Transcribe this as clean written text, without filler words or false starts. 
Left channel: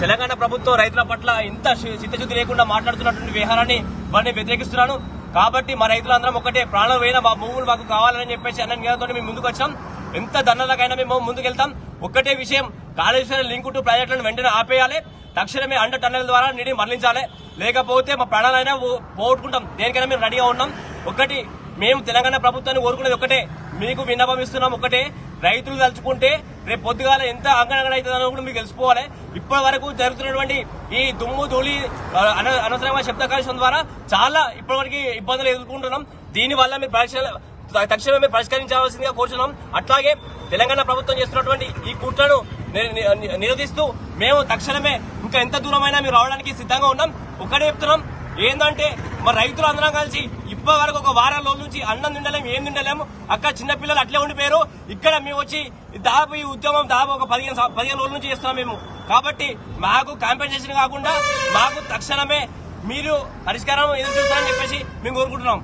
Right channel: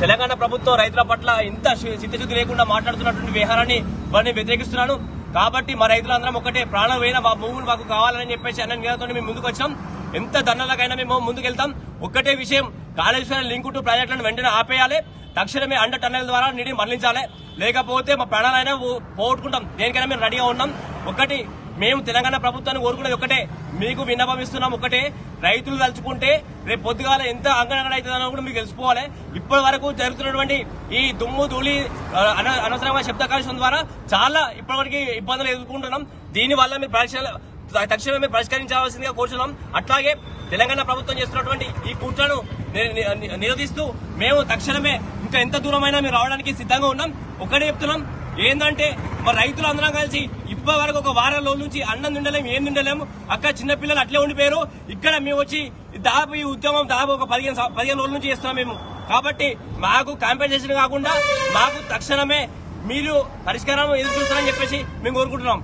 తెలంగాణ ప్రభుత్వం రైతుల పట్ల ఇంత చిత్తశుద్ధి లేకుండా మాట్లాడుతున్నటువంటి వ్యవహారాన్ని వారిని వ్యతిరేకిస్తున్నాను. కాబట్టి మా రైతులందరం ఒకటే, ప్రాణం పోయిన మా భూములు మాకు కావాలని చెప్పేసి అన్న నినాదంతో మేము ముందుకు వచ్చాం. ఎంత దండలకైనా మేము ముందుకెళ్తాం. ఒక్కటే విషయం, కాళేశ్వరం లింక్ టు ప్రాజెక్టులను వెంటనే ఆపేయాలి. తక్షణమే అండర్ టన్నెల్ ద్వారా నీటిని మరలించాలి. లేకపోతే మా ప్రాణాలైనా పోగొట్టుకుంటాం. దేనికైనా మేము రెడీగా ఉన్నాం. ఒకటి, మేము తెలంగాణ ప్రభుత్వాన్ని కోరుకునేది ఒకటే, మీకు విన్నపం ఇస్తున్నాం. ఒకటే, రైతులు తలుచుకుంటే రేపు పొద్దుగాల ఎంత అంగనంగన అవుతుందని కూడా మీకు తెలుసుకోవాలి. ఇప్పటి వరకు జరుగుతున్నటువంటి ఈ దుమ్ము ధూళి అనవసరమైన శబ్ద కాలుష్యం ద్వారా చాలా ఇప్పటివరకు ఇబ్బందులు ఎదుర్కొంటున్నాం. దీనివల్ల మీరు తక్షణమే మీరు పరిష్కరించాల్సిందిగా కోరుతున్నాం. అట్లాగే తెలంగాణ ప్రభుత్వం చేస్తున్నటువంటి ఈ కుట్రను నిరోధిస్తూ మేము తక్షణమే ఇంకా ఎంత దూరమైనా మీరు రావడానికి సిద్ధంగా ఉన్నాం. ఒకటే చెప్తున్నాం, ఏంటంటే మా రైతులు అందరం కలిసి ఇప్పటి వరకు ఒక వారం రోజుల నుంచి అన్నం తిండలేము, ఏం తిండలేము. అక్కడ చిన్నపిల్లలు అట్లే ఉండిపోయారు. ఇక్కడ మేము వచ్చి దాదాపు ఈ ఉద్యమం దాదాపు ఒక 15 రోజుల నుంచి చేస్తున్నాం మేము. కాబట్టి మాకు కాంపెన్సేషన్ కాకుండా మాకు తక్షణమే మీరు పరిష్కారం ఎదురు చూస్తారని చెప్పేసి మేము కోరుకుంటున్నాం.